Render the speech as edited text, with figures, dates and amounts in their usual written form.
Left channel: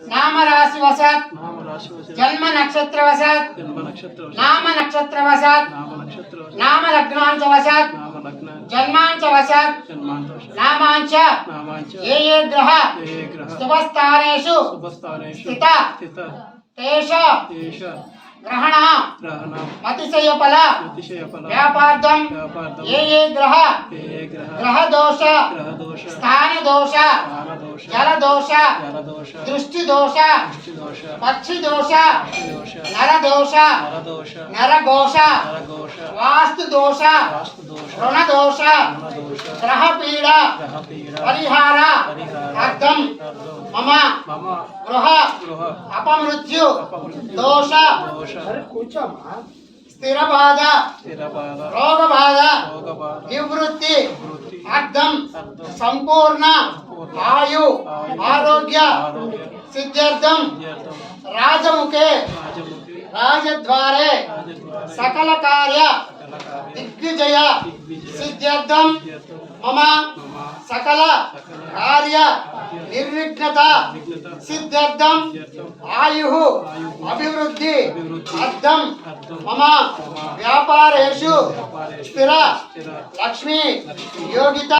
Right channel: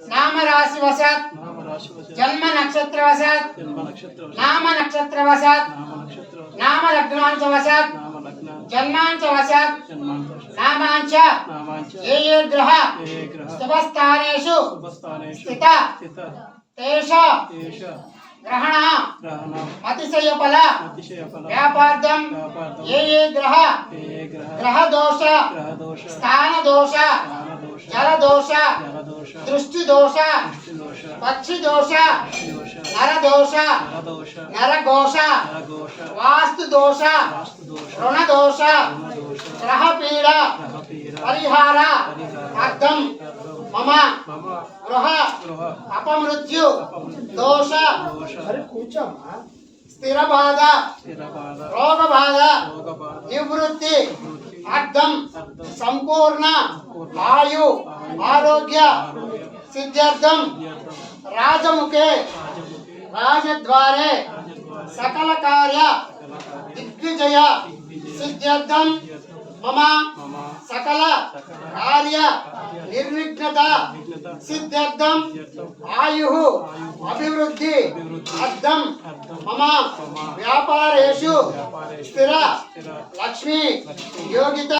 नाम राशि वशात जन्म नक्षत्र वशात नाम नक्षत्र वशात नाम लग्नांच वशात जन्मांच वशात नामांच ये ग्रह शुभस्थानेषु स्थिता तेष ग्रहण अतिशय फल व्यापार्थम ये ग्रह ग्रह दोष स्थान दोष जल दोष दृष्टि दोष पक्षी दोष नर दोष नर घोष वास्तु दोष ऋण दोष ग्रह पीड़ा परिहार अर्थम मम गृह अपमृत्यु दोष स्थिर बाध रोग बाध निवृत्ति अर्थम संपूर्ण आयु आरोग्य सिद्ध्यर्थम राजमुखे राजद्वारे सकल कार्य दिग्विजय सिद्ध्यर्थम मम सकल कार्य निर्विघ्नता सिद्ध्यर्थम आयु अभिवृद्धि अर्थम मम व्यापारेषु स्थिर लक्ष्मी योगिता